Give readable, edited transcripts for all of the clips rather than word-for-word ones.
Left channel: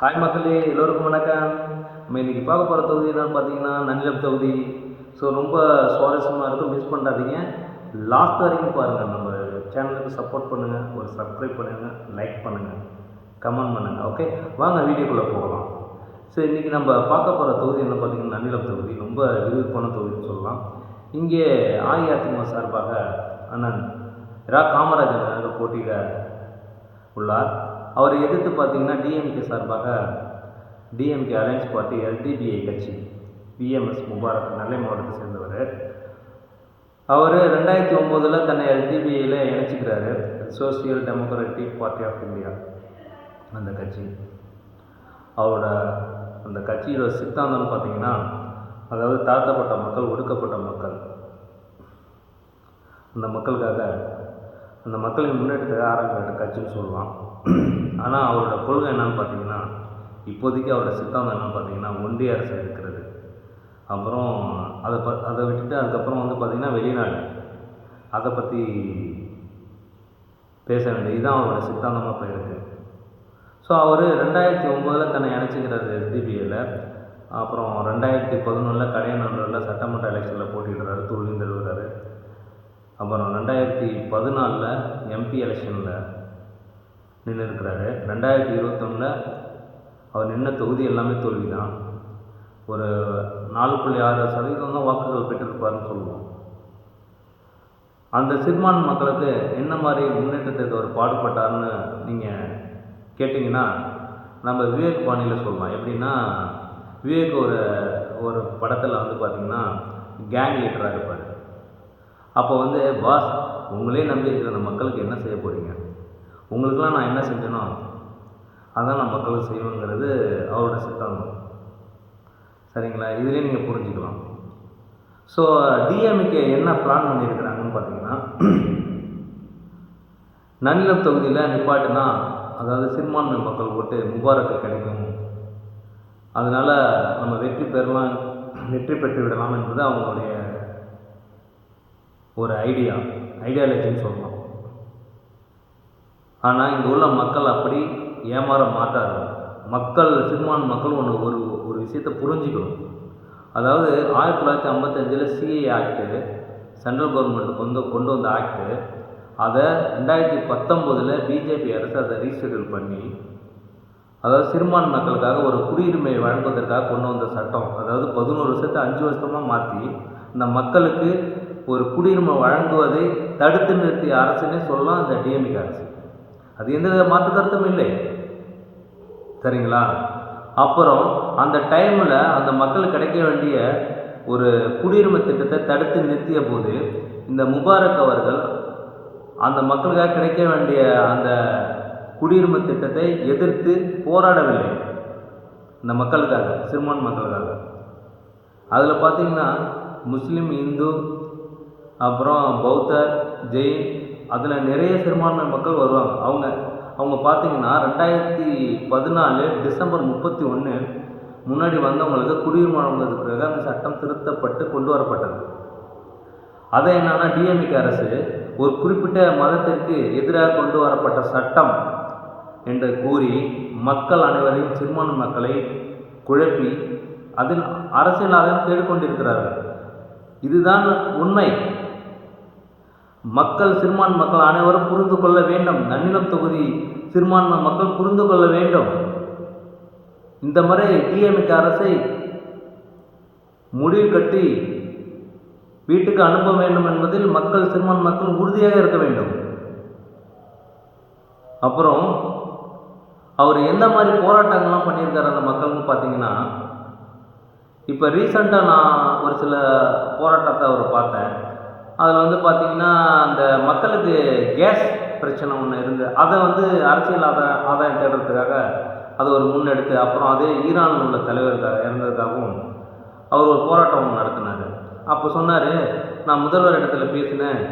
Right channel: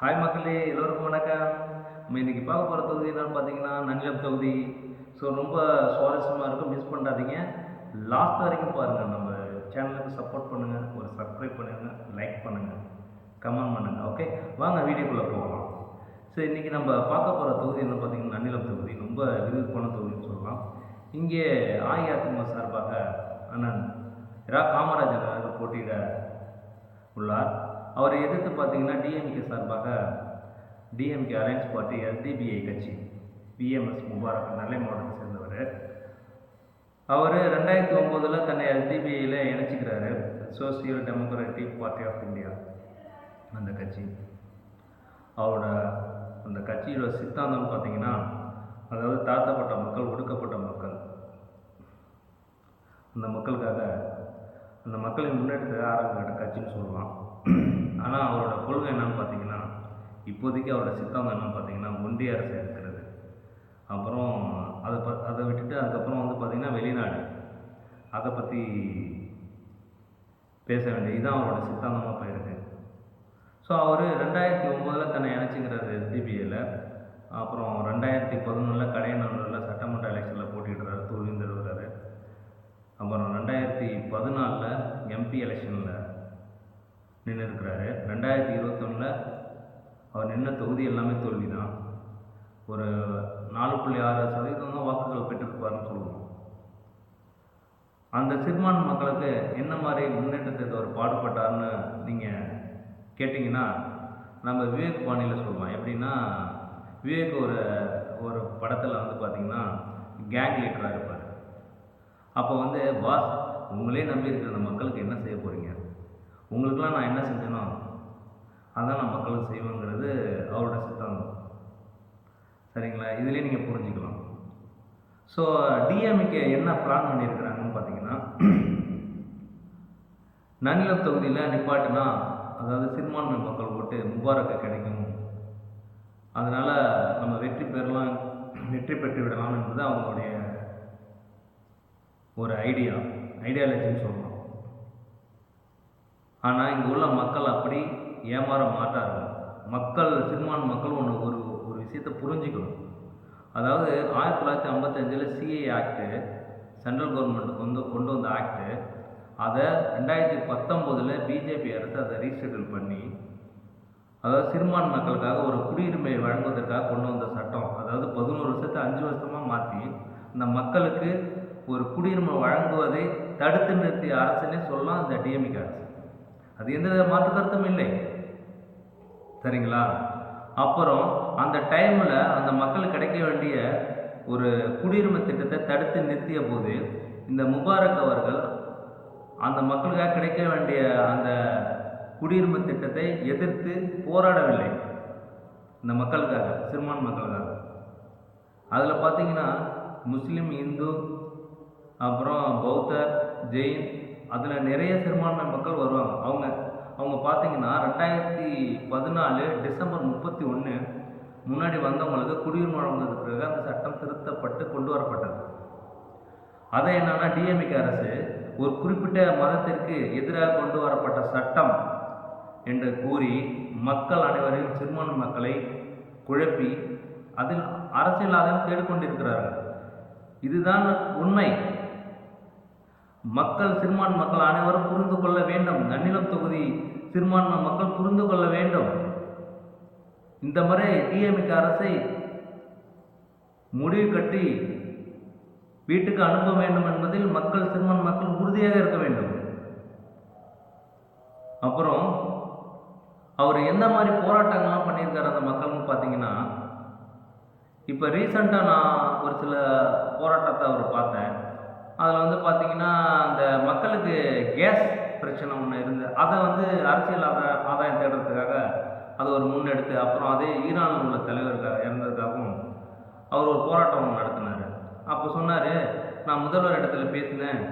Hi மக்களே, எல்லோருக்கும் வணக்கம். நம்ம இன்றைக்கி பார்க்க போகிற தொகுதி என்னென்னு பார்த்தீங்கன்னா நன்னிலம் தொகுதி. ஸோ ரொம்ப சுவாரஸ்யமாக இருக்கும், மிஸ் பண்ணாதீங்க. லாஸ்ட் வரைக்கும் பாருங்கள். நம்ம சேனலுக்கு சப்போர்ட் பண்ணுங்கள், ஒரு சப்ஸ்கிரைப் பண்ணுங்கள், லைக் பண்ணுங்கள், கமெண்ட் பண்ணுங்கள். ஓகே, வாங்க வீடியோக்குள்ளே போகலாம். ஸோ இன்றைக்கி நம்ம பார்க்க போகிற தொகுதி என்ன பார்த்தீங்கன்னா நன்னிலம் தொகுதி. ரொம்ப விறுவிறுப்பான தொகுதின்னு சொல்லலாம். இங்கே அஇஅதிமுக சார்பாக அண்ணன் ரா காமராஜர் அவர்கள் போட்டியிட உள்ளார். அவரை எதிர்த்து பார்த்தீங்கன்னா டிஎம்கே சார்பாக டிஎம்கே அலையன்ஸ் பார்ட்டி எல்டிபிஐ கட்சி பிஎம்எஸ் முபாரக் நெல்லை மாவட்டத்தை சேர்ந்தவர். அவர் 2009 தன்னை எல்டிபிஐயில் இணைச்சிக்கிறாரு. Social democratic party of India அந்த கட்சி. அவரோட அந்த கட்சியோட சித்தாந்தம்னு பார்த்தீங்கன்னா, அதாவது தாழ்த்தப்பட்ட மக்கள், ஒடுக்கப்பட்ட மக்கள், அந்த மக்களுக்காக, அந்த மக்களின் முன்னேற்றத்துக்காக ஆரம்பிக்கிற கட்சின்னு சொல்லலாம். ஆனால் அவரோட கொள்கை என்னன்னு பார்த்தீங்கன்னா, இப்போதைக்கு அவரோட சித்தாந்தம் என்னன்னு பார்த்தீங்கன்னா ஒன்றிய அரசு இருக்கிறது. அப்புறம் அதை விட்டுட்டு அதுக்கப்புறம் பார்த்திங்கன்னா வெளிநாடு, அதை பற்றி பேச வேண்டியது இதுதான் அவரோட சித்தாந்தமாக போயிருக்கு. ஸோ அவர் 2009 தன்னை இணைச்சிக்கிறாரு எஸ்டிபிஐயில். அப்புறம் 2011 கடையநல்லூரில் சட்டமன்ற எலெக்ஷனில் போட்டிடுறாரு, தோல்வி தழுவுறாரு. அப்புறம் 2014 எம்பி எலெக்ஷனில் நின்று இருக்கிறாரு. 2021 அவர் நின்ன தொகுதி எல்லாமே தோல்வி தான். ஒரு 4.6% தான் வாக்குகள் பெற்றிருப்பார்னு சொல்லுவோம். அந்த சிறுபான்மை மக்களுக்கு என்ன மாதிரி முன்னேற்றத்துக்கு அவர் பாடுபட்டார்னு நீங்கள் கேட்டிங்கன்னா, நம்ம விவேக் பாணியில் சொல்லலாம். எப்படின்னா, விவேக் ஒரு படத்தில் பார்த்திங்கன்னா கேங் லீடராக இருப்பார். அப்போ பாஸ், உங்களே நம்பி இருக்கிற அந்த மக்களுக்கு என்ன செய்ய போகிறீங்க, உங்களுக்கெல்லாம் நான் என்ன செஞ்சேனோ அதான் நான் மக்களுக்கு செய்வேங்கிறது அவரோட சித்தாந்தம். சரிங்களா? இதிலே நீங்கள் புரிஞ்சுக்கலாம். ஸோ டிஎம்கே என்ன பிளான் பண்ணியிருக்கிறாங்கன்னு பார்த்தீங்கன்னா, நன்னிலம் தொகுதியில் நிப்பாட்டுனா, அதாவது சிறுபான்மை மக்கள் ஓட்டு முபாரக்கு கிடைக்கும், அதனால் நம்ம வெற்றி பெற்று விடலாம் என்பது அவங்களுடைய ஒரு ஐடியாலஜின்னு சொல்லலாம். ஆனால் இங்கே உள்ள மக்கள் அப்படி ஏமாற மாட்டார்கள். சிறுபான்மை மக்கள் ஒரு விஷயத்தை புரிஞ்சுக்கணும். அதாவது 1955 சிஏ ஆக்டு, சென்ட்ரல் கவர்மெண்ட் கொண்டு வந்த ஆக்டு, அதை 2019 பிஜேபி அரசு அதை ரீஷெடியூல் பண்ணி, அதாவது சிறுபான்மை மக்களுக்காக ஒரு குடியுரிமை வழங்குவதற்காக கொண்டு வந்த சட்டம். அதாவது 11 வருஷத்தை 5 வருஷமாக மாற்றி இந்த மக்களுக்கு ஒரு குடியுரிமை வழங்குவதை தடுத்து நிறுத்திய அரசுன்னே சொல்லலாம் இந்த டிஎம்கே அரசு. அது எந்த மாற்று கருத்தும் இல்லை. சரிங்களா? அப்புறம் அந்த டைமில் அந்த மக்களுக்கு கிடைக்க வேண்டிய ஒரு குடியுரிமை திட்டத்தை தடுத்து நிறுத்திய போது இந்த முபாரக் அவர்கள் அந்த மக்களுக்காக கிடைக்க வேண்டிய அந்த குடியுரிமை திட்டத்தை எதிர்த்து போராடவில்லை. இந்த மக்களுக்காக, சிறுபான்மை மக்களுக்காக. அதில் பார்த்திங்கன்னா முஸ்லீம், இந்து, அப்புறம் பௌத்தர், ஜெயின், அதில் நிறைய சிறுபான்மை மக்கள் வருவாங்க. அவங்க பார்த்திங்கன்னா 2014 டிசம்பர் 31 முன்னாடி வந்தவங்களுக்கு குடியுரிமை வழங்குவதற்காக அந்த சட்டம் திருத்தப்பட்டு கொண்டு வரப்பட்டது. அதை என்னன்னா டிஎம்கே அரசு ஒரு குறிப்பிட்ட மதத்திற்கு எதிராக கொண்டு வரப்பட்ட சட்டம் என்று கூறி மக்கள் அனைவரையும், சிறுபான்மை மக்களை குழப்பி அதில் அரசியலாக தேடிக்கொண்டிருக்கிறார்கள். இதுதான் உண்மை. சிறுபான்மை மக்கள் அனைவரும் புரிந்து கொள்ள வேண்டும். நன்னிலம் தொகுதி சிறுபான்மை மக்கள் புரிந்து கொள்ள வேண்டும். இந்த முறை டிஎம்கே அரசை முடிவு கட்டி வீட்டுக்கு அனுப்ப வேண்டும் என்பதில் சிறுபான்மை மக்கள் உறுதியாக இருக்க வேண்டும். அப்புறம் அவர் எந்த மாதிரி போராட்டங்கள்லாம் பண்ணியிருக்காரு அந்த மக்கள்னு பார்த்தீங்கன்னா, இப்போ ரீசெண்டாக நான் ஒரு சில போராட்டத்தை அவர் பார்த்தேன். அதில் பார்த்திங்கன்னா அந்த மக்களுக்கு கேஸ் பிரச்சனை ஒன்று இருந்து அதை அரசியல் ஆதாயம் தேடுறதுக்காக அதை ஒரு முன்னெடுத்து, அப்புறம் அதே ஈரானில் உள்ள தலைவருக்காக இறந்ததுக்காகவும் அவர் ஒரு போராட்டம் ஒன்று நடத்தினார். அப்போ சொன்னார், நான் முதல்வர் இடத்துல பேசினேன்,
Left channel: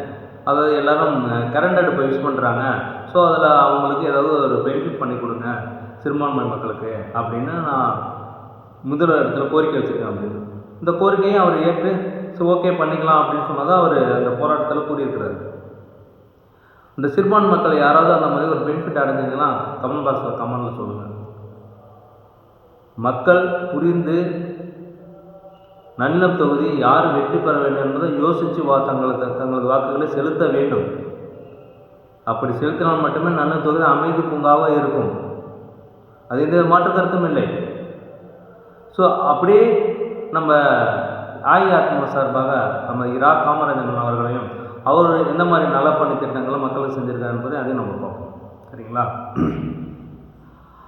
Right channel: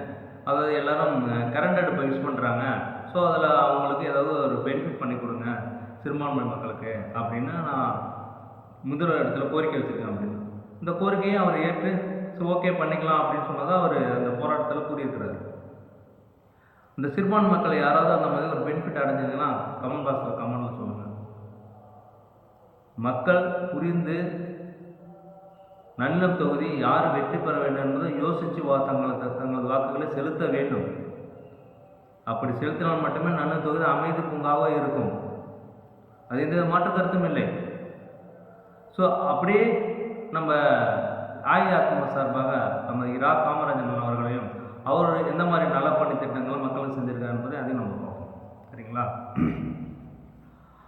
அதாவது எல்லோரும் கரண்ட் அடுப்பை யூஸ் பண்ணுறாங்க, ஸோ அதில் அவங்களுக்கு ஏதாவது ஒரு பெனிஃபிட் பண்ணி கொடுங்க சிறுபான்மை மக்களுக்கு அப்படின்னு நான் முதல்வர் இடத்துல கோரிக்கை வச்சுருக்கேன் அப்படின்னு. இந்த கோரிக்கையை அவர் ஏற்று ஓகே பண்ணிக்கலாம் அப்படின்னு சொன்னதான் அவர் அந்த போராட்டத்தில் கூறியிருக்கிறார். இந்த சிறுபான்மை மக்கள் யாராவது அந்த மாதிரி ஒரு பெனிஃபிட் அடைஞ்சிங்கன்னா கமெண்ட் பாக்ஸில் சொல்லுங்கள். மக்கள் புரிந்து நன்னிலம் தொகுதி யார் வெற்றி பெற வேண்டும் என்பதை யோசித்து தங்களது வாக்குகளை செலுத்த வேண்டும். அப்படி செலுத்தினால் மட்டுமே நன்னிலம் தொகுதி அமைதி பூங்காவாக இருக்கும். அது எந்த மாற்று கருத்தும் இல்லை. ஸோ அப்படியே நம்ம அஇஅதிமுக சார்பாக நம்ம இரா காமராஜன் அவர்களையும் அவர் எந்த மாதிரி நலப்பணி திட்டங்களை மக்களுக்கு செஞ்சுருக்காரு என்பதை அதையும் நம்ம பார்ப்போம். சரிங்களா?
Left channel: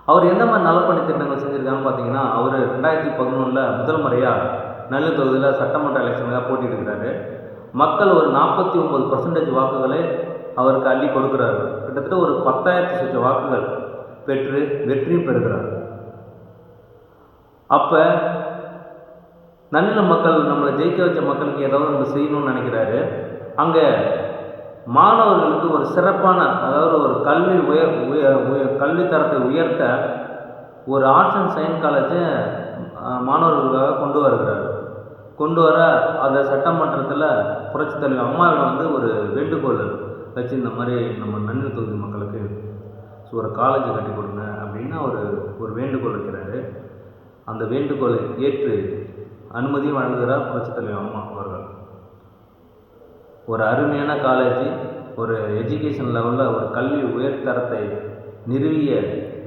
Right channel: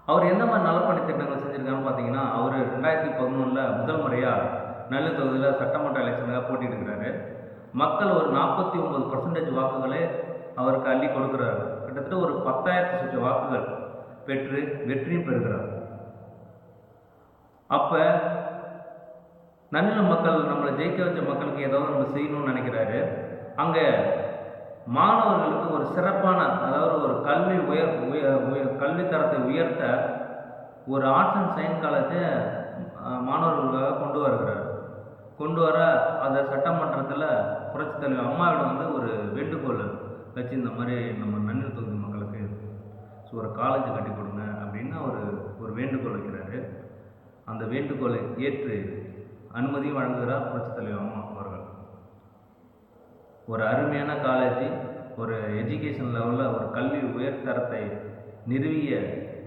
அவர் எந்த மாதிரி நலப்பணி திட்டங்கள் செஞ்சுருக்காருன்னு பார்த்தீங்கன்னா, அவர் 2011 முதல் முறையாக நெல்லை தொகுதியில் சட்டமன்ற எலெக்ஷனுக்காக போட்டியிடுகிறாரு. மக்கள் ஒரு 49% வாக்குகளை அவருக்கு அள்ளி கொடுக்குறாரு. கிட்டத்தட்ட ஒரு 10,000 சொச்ச வாக்குகள் பெற்று வெற்றி பெறுகிறார். அப்போ நன்னிலம் மக்கள் நம்மளை ஜெயிக்க வச்ச மக்களுக்கு ஏதாவது நம்ம செய்யணும்னு நினைக்கிறாரு. அங்கே மாணவர்களுக்கு ஒரு சிறப்பான, அதாவது ஒரு கல்வி தரத்தை உயர்த்த ஒரு ஆர்ட்ஸ் அண்ட் சயின்ஸ் காலேஜை மாணவர்களுக்காக கொண்டு வர அந்த சட்டமன்றத்தில் புரட்சித் தலைவர் அம்மாவிடம் ஒரு வேண்டுகோள் வச்சு, இந்த மாதிரி நம்ம நன்னிலம் தொகுதி மக்களுக்கு ஒரு காலேஜை கட்டி கொடுங்க அப்படின்னு ஒரு வேண்டுகோள் வைக்கிறாரு. அந்த வேண்டுகோளை ஏற்று அனுமதியும் வழங்குகிறார் புரட்சித் தலைவர் அம்மா அவர்கள். ஒரு அருமையான காலேஜ், ஒரு எஜுகேஷன் லெவலில் ஒரு கல்வி உயர்தரத்தை நிறுவிய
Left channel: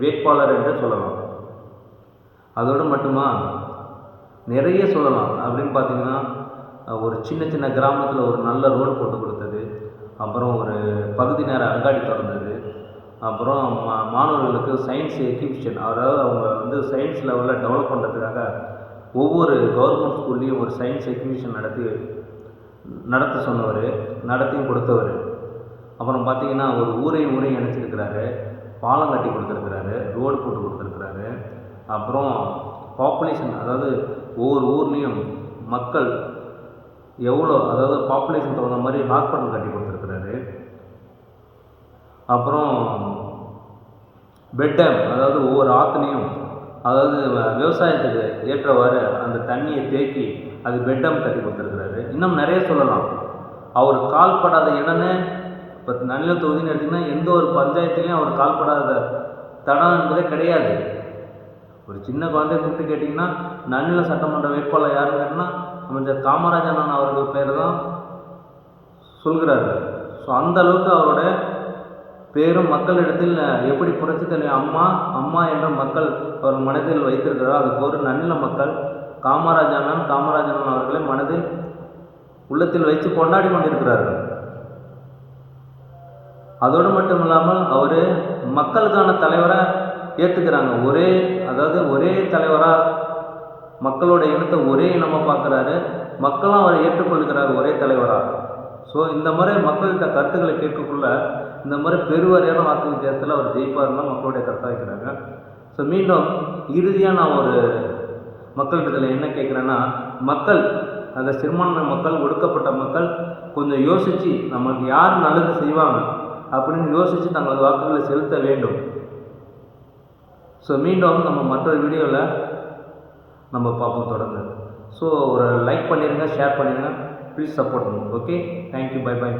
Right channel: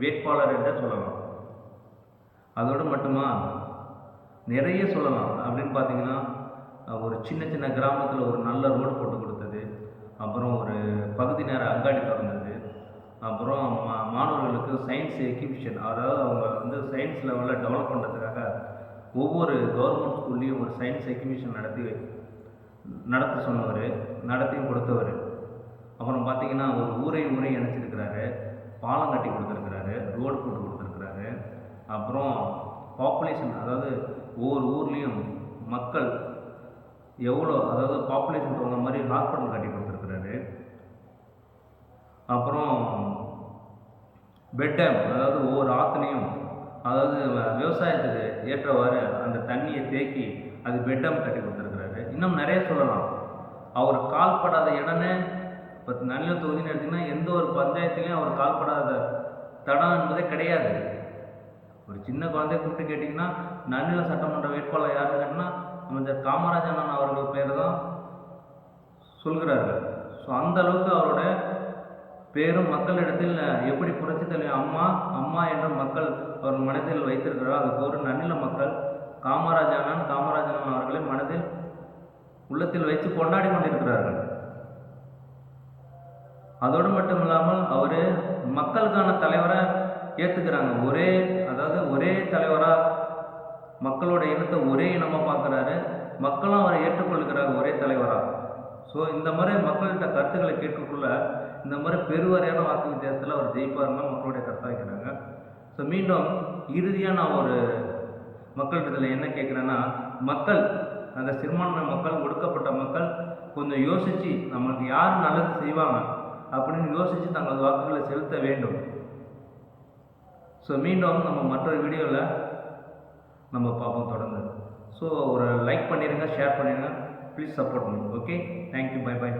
வேட்பாளர் என்று சொல்லலாம். அதோடு மட்டுமா நிறைய சொல்லலாம். அப்படின்னு பார்த்தீங்கன்னா, ஒரு சின்ன கிராமத்தில் ஒரு நல்ல ரோடு போட்டு கொடுத்தது, அப்புறம் ஒரு பகுதி நேர அங்காடி திறந்தது, அப்புறம் மாணவர்களுக்கு சயின்ஸ் எக்ஸிபிஷன், அதாவது அவங்க சயின்ஸ் லெவலில் டெவலப் பண்ணுறதுக்காக ஒவ்வொரு கவர்மெண்ட் ஸ்கூல்லையும் ஒரு சயின்ஸ் எக்ஸிபிஷன் நடத்த சொன்னவர், நடத்தியும் கொடுத்தவர். அப்புறம் பார்த்திங்கன்னா ஒரு ஊரையும் இணைச்சிருக்கிறாரு, பாலம் கட்டி கொடுத்துருக்கிறாரு, ரோடு போட்டு கொடுத்துருக்கிறாரு. அப்புறம் பாப்புலேஷன், அதாவது ஒவ்வொரு ஊர்லேயும் மக்கள் எவ்வளோ, அதாவது பாப்புலேஷன் தகுந்த மாதிரி ஹாஸ்பிட்டல் கட்டி கொடுத்துருக்கிறாரு. அப்புறம் பெட் டேம், அதாவது ஒவ்வொரு ஆற்றுலையும், அதாவது விவசாயத்துக்கு ஏற்றவாறு அந்த தண்ணியை தேக்கி அது பெட் டேம் கட்டி கொடுத்துருக்கிறாரு. இன்னும் நிறைய சொல்லலாம். அவர் கால்படாத இடமே, இப்போ நன்னிலம் தொகுதின்னு எடுத்திங்கன்னா எந்த ஒரு பஞ்சாயத்துலேயும் அவர் கால்படாத தடம் என்பதே கிடையாது. ஒரு சின்ன குழந்தைய கூப்பிட்டு கேட்டிங்கன்னா நன்னிலம் சட்டமன்ற வேட்பாளர் யாருன்னு கேட்டிங்கன்னா அமைச்சர் காமராஜன் அவர்கள் பேர் தான் சொல்கிறாரு. ஸோ அந்த அளவுக்கு அவரோட பேரும் மக்களிடத்தில் எப்படி புரட்சித் தலைவர் அம்மா என்ற மக்கள் அவர் மனதில் வைத்திருக்கிறாரோ, அதுக்கு ஒரு நன்னில மக்கள் காமராஜன் அவர்களை மனதில் உள்ளத்தில் வைத்து கொண்டாடி கொண்டிருக்கிறார்கள். அதோடு மட்டும் இல்லாமல் அவர் மக்களுக்கான தலைவராக ஏற்றுக்கிறாங்க. ஒரே தலைவராக மக்களோட இனத்தை ஒரே இனமாக பார்க்குறாரு, மக்களும் அவரை ஏற்றுக்கொள்கிறார் ஒரே தலைவராக. ஸோ இந்த மாதிரி மக்கள்கிட்ட கருத்துக்களை கேட்கக்குள்ள இந்த மாதிரி பெருவாரியான வாக்கு வித்தியாசத்தில் அவர் ஜெயிப்பாருன்னா மக்களுடைய கருத்தாக இருக்கிறாங்க. ஸோ மீண்டும் இறுதியாக நான் ஒரு மக்களிடத்தில் என்ன கேட்குறேன்னா, மக்கள், அந்த சிறுபான்மை மக்கள், ஒடுக்கப்பட்ட மக்கள் கொஞ்சம் யோசித்து நமக்கு யார் நல்லது செய்வாங்க அப்படின்னு யோசித்து தங்களது வாக்குகளை செலுத்த வேண்டும். ஸோ மீண்டும் நம்ம மற்றொரு வீடியோவில் நம்ம பார்ப்போம் தொடர்ந்து. ஸோ ஒரு லைக் பண்ணிடுங்க, ஷேர் பண்ணிடுங்க, ப்ளீஸ் சப்போர்ட் பண்ணுங்க. Okay, thank you, by.